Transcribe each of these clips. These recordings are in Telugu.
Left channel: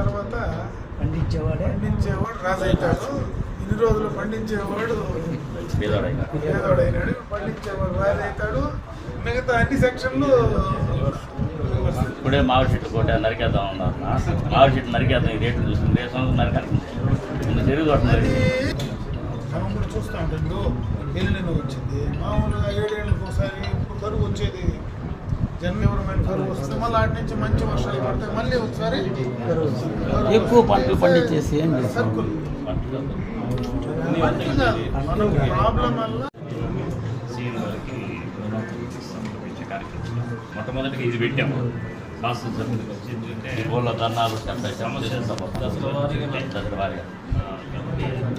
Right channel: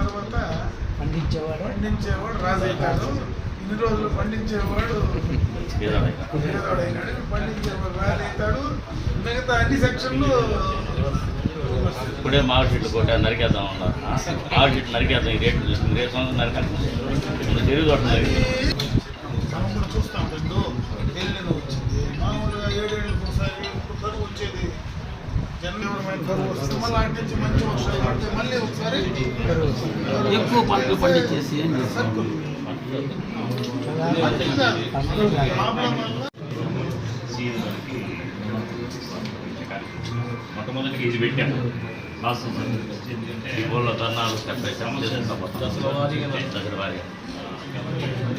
తర్వాత పండించేవాడు రాజు అవుతాడు. ఇన్ని రోజులు పండించేవాడు పేదవాడైనాడు, పండించేవాడు రాజు అవుతాడు. మిగతా అన్ని సెక్షన్లు ఇప్పుడే మామిడి చెట్లు కొట్టే నరికేద్దాం ఉన్నారు. మామిడి చెట్లు నరికేద్దాం, ఈ రేట్లు చూసుకుని రేపు నరికేస్తాం తిరుగుతుంది. మనం కూడా చూస్తాం. ఇప్పుడు ఎల్లిన వచ్చింది మామూలుగా 7 ఏళ్ళకి ఒకసారి. ఇప్పుడు కరువు వచ్చేది జనవరి కరువు వస్తుంది. మళ్ళీ అటు నుంచి మంచి వర్షాలు పడితే మళ్ళీ ఒకసారి ఎక్కువ పంటలు పండించేసి ప్రాబ్లం వల్ల మొట్టమొదటిగా ఇది పెట్టాము. ఊళ్ళో ధర్నాలు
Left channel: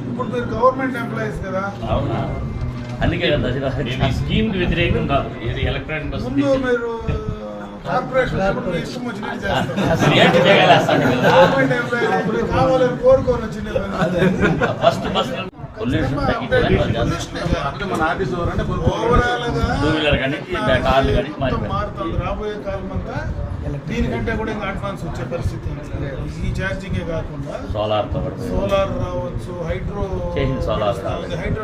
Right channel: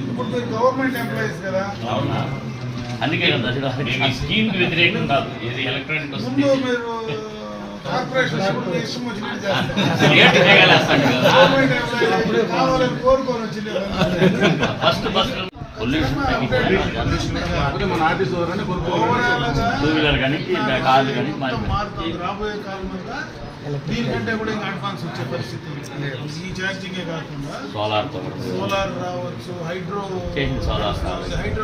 ఇప్పుడు మీరు గవర్నమెంట్ ఎంప్లాయీస్ కదా. అవునా, అందుకే స్కీమ్ కి వ్యతిరేకం కాదు. ఇది ఎలక్ట్రానిక్ బస్ ముందు మీరు కార్పొరేషన్ ఇష్టం వచ్చినట్టు చేస్తారు. గవర్నమెంట్ ఎంప్లాయీస్ కావాలని కోరుకొని వచ్చింది. ఫస్ట్ బస్ మారుతుంది రాబోయే కాలం అంతా. దీనికంటే కూడా ఇంకా అడ్వాన్స్ వచ్చే పరిస్థితి. ఈ ఛార్జింగే కాకుండా సోలార్ రావచ్చు, హైడ్రో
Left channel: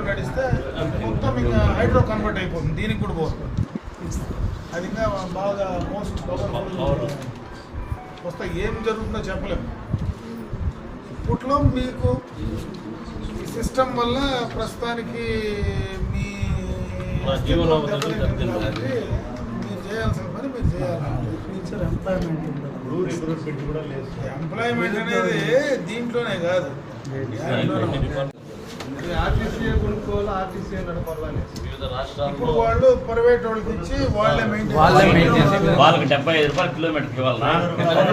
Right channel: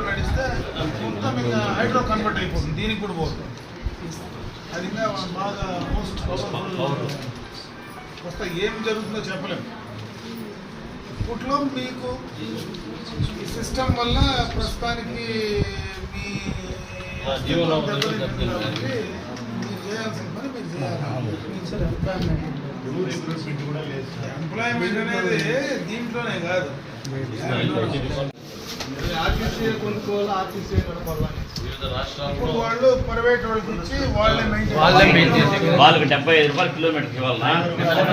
నడిస్తే మొత్తం ఇంకా హైడ్రో కన్వర్ట్ అయిపోతుంది. దీనికి కూడా పోతుంది. అది ఇంకా బాగా మోస్ట్ పవర్ఫుల్ వస్తే ఏం జరుగుతుందో చెప్పలేము. ఇప్పట్లో మీకు ఈ సిస్టమ్ వల్ల ప్రస్తుతానికి మీ మీరు చేయాల్సిన పని మీరు చేయాలి. ఎంప్లాయ్మెంట్ అనేది దీంట్లోనే కాదు. ఇప్పుడు వాళ్ళు ప్రైవేట్ వాళ్ళకి ఇచ్చి వాళ్ళే మెయింటైన్, వాళ్ళకి 75 రూపాయలు కిలోమీటర్కి ఇవ్వాలా.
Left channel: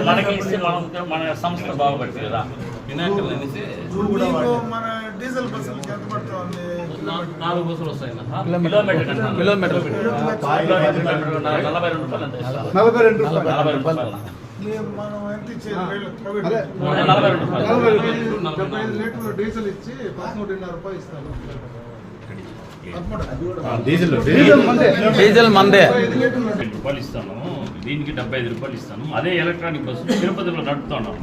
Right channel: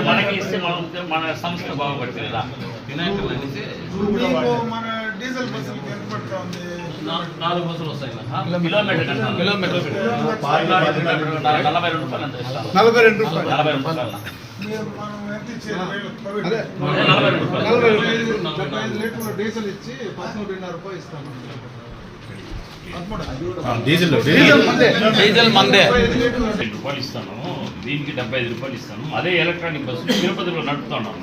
మనకి ఇస్తే మన సంస్థ బాగుపడుతుంది కదా. మీకు మన డీజిల్ బస్సులకి ఎంత పడుతూ ఉంది? 4 బస్సులు వస్తాయి కిలోమీటర్ 42 రూపాయలు. మనం ఎంత ఇచ్చేది? 75 లీటర్లు డీజిల్ ఇచ్చి 13.5 రూపాయలు ఇస్తాను. డీజిల్ మందే 2 రూపాయలు ఇస్తాను, దీనికి 75 రూపాయలు ఇస్తాను. అదే ఎలక్ట్రానిక్ బస్సులు తిరుపతిలో నడుపుతున్నాం.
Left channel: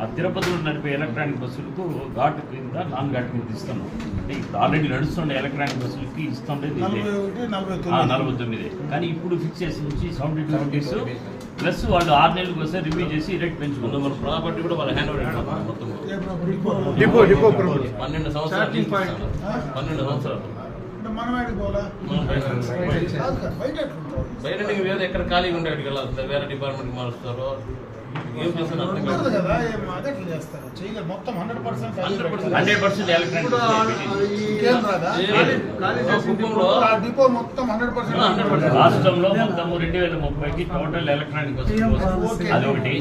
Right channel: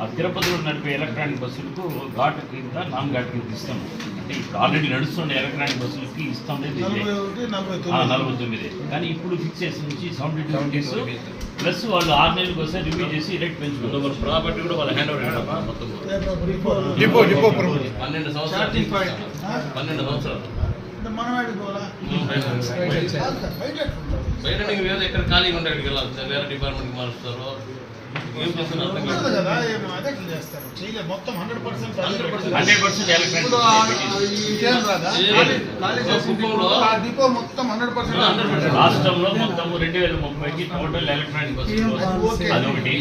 ఆ తిరుపతిలో నడిపే ఎలక్ట్రానిక్ బస్సులకు ఘాటు కింద నాన్ ఘాటు కింద ఇస్తాము. అంటే ఇప్పుడు ఆల్రెడీ నడుస్తుండే ఎలక్ట్రానిక్ బస్సులకి ఇస్తుండేది 49. కానీ ఇప్పుడు ఫిక్స్ చేసి నుంచి 72 రూపీస్ ప్లస్ వాళ్ళు 6 నెలలకు వస్తే రివ్యూ చేసి రేట్ పెంచుకుంటారు. మన ప్రాపర్టీ కూడా వాళ్ళు హ్యాండ్ ఓవర్ చేయడం మొత్తం 12 సంవత్సరాలు. బయట వేరే ఎక్కడ ఖాళీగా ఉండేది కదా, వేరే డిపార్ట్మెంట్ మారుస్తారు. ఏం చేస్తున్నారు మొత్తం 100% డిపో మొత్తం 100%. రాష్ట్రంలో మొత్తం 2030కి టోటల్ ఎలక్ట్రానిక్ బస్సు అదొకటి.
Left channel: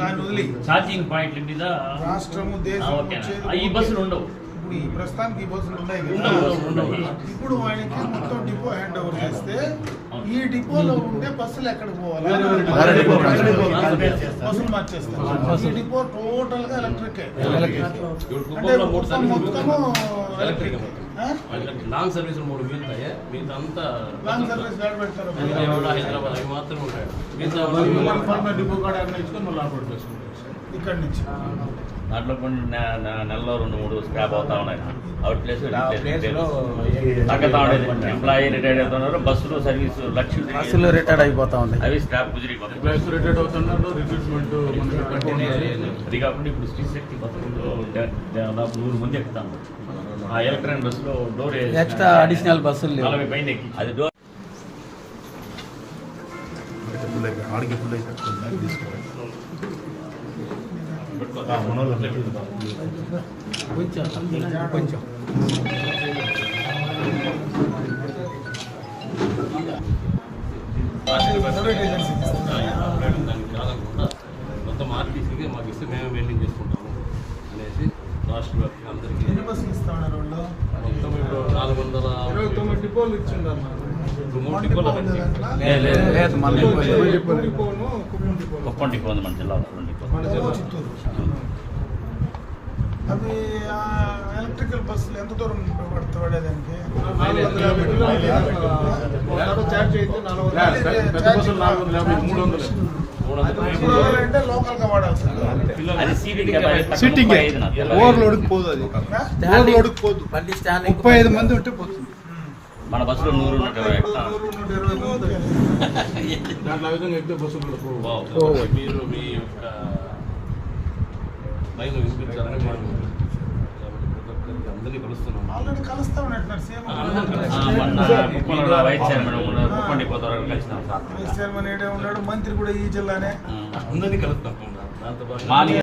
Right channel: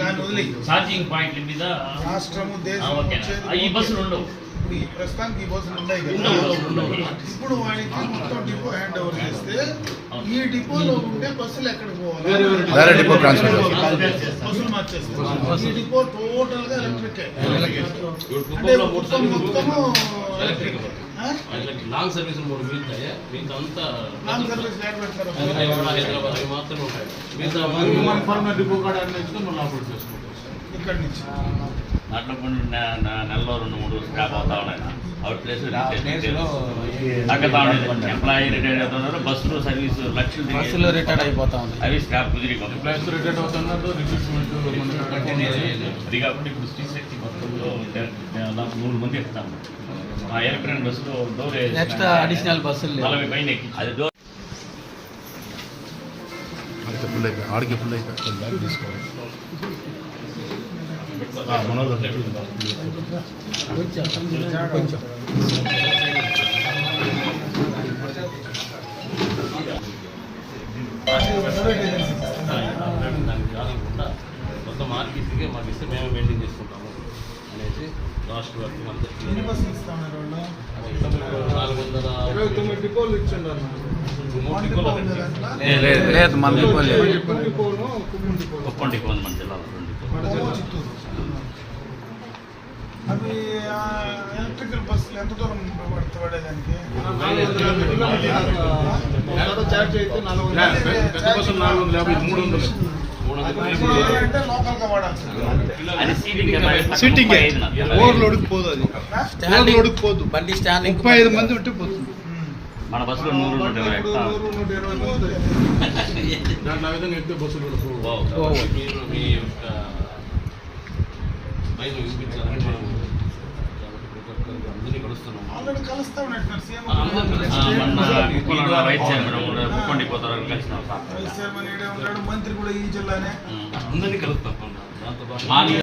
ఛార్జింగ్ పాయింట్ల మీద రాష్ట్రము ఈ బస్సులు ఉండవు. ఈ ప్రస్తుతానికి ఈ బస్సులు ఉన్నాయి కదా. ఇప్పుడు వాడికి మొత్తం డిపో హ్యాండ్ ఓవర్ చేస్తే ఈ డిపోలో ఉండే బస్సులు ఎక్కడికి పోవాలి? బస్సులు మార్చేస్తారు. ఈ డిపో టోటల్ గా ఎలక్ట్రిక్. అంటే మొత్తము లాంగ్ సర్వీస్ 3 మిగులుతాయి. మిగతా అంతా లాంగ్ సర్వీస్ పెడతారు. హైదరాబాద్ అవి మాత్రం ఉంటాయి. మిగతా డిపో కాడ నువ్వు లాభం చేసుకుంటావు ఇక్కడి నుంచి. దాంట్లో కొన్ని నెలలో 2-3 స్క్రాప్ అవుతా ఉన్నాయి. అవుట్ ప్లేస్ తగ్గతా ఉండేది. ఎంప్లాయీ రిటైర్డ్ అవుతున్నారు, బస్సులు సర్వీస్ బస్సులు రిటైర్డ్ అయిపోతా ఉంది. అవి స్క్రాప్ కుదిరిపోతుంది. రిటైర్డ్ అవుతున్నారు. అది కాకుండా ఇప్పుడు శ్రీశక్తి బస్సులో దాదాపు 100 మంది ఎక్కుతాము. ఆ ఎలక్ట్రానిక్ బస్సులో డోర్ ఎక్స్ట్రా అడిషనల్ బస్సులు 40 పైన ఎక్కి అది డోర్ ఆడికి ఫుల్ అయిపోతుంది. కొంచెం మొత్తం ఆర్టీసీకి మాకు ఇస్తే మేము మెయింటైన్ చేసుకుంటాము అనేసి రాష్ట్ర వ్యాప్తంగా అందరికీ బస్సులు ఇస్తున్నారు వాళ్ళు. మొత్తం ఇప్పుడు 429 డిపోలు ఇచ్చిండారు. లేదు మన కుప్పం డిపో మన జిల్లాలో చిత్తూరు. అవి ఎలక్ట్రికల్ బస్సులు ఎంత దూరం పడేదానికి? ఛార్జ్ అయితే 450, 300. అంటే లోకల్ గా వాడాల్సింది. అది సీటింగ్ సీటింగ్ 35 నా తెల్ల. ఓవర్లోడ్కి పోదు అది ఓవర్లోడ్కి పోదు బండి స్టాండ్ 35 మంది ఉంటే పోతుంది మన బస్సులో 100 120 ఎక్కుతాం. 120 మంది. దాంట్లో ఆ విధంగా ఎక్కితే బస్సులు కూడా పోవు. మీరు మీ యొక్క మైలు వినిపించాలని మనం అందరినీ కలుస్తున్నాం. ఆల్రెడీ కలుస్తా ఉన్నట్టున్నారు సేమ్ మొన్న వైస్ చైర్మన్ కూడా కొండిపోతారు కలిసినాం సార్. వైస్ చైర్మన్ ఈడే ఉన్నాడు, మంత్రి కూడా ఈ జిల్లానే. అందరినీ కలుస్తాం దాంతో పాటు మార్నింగ్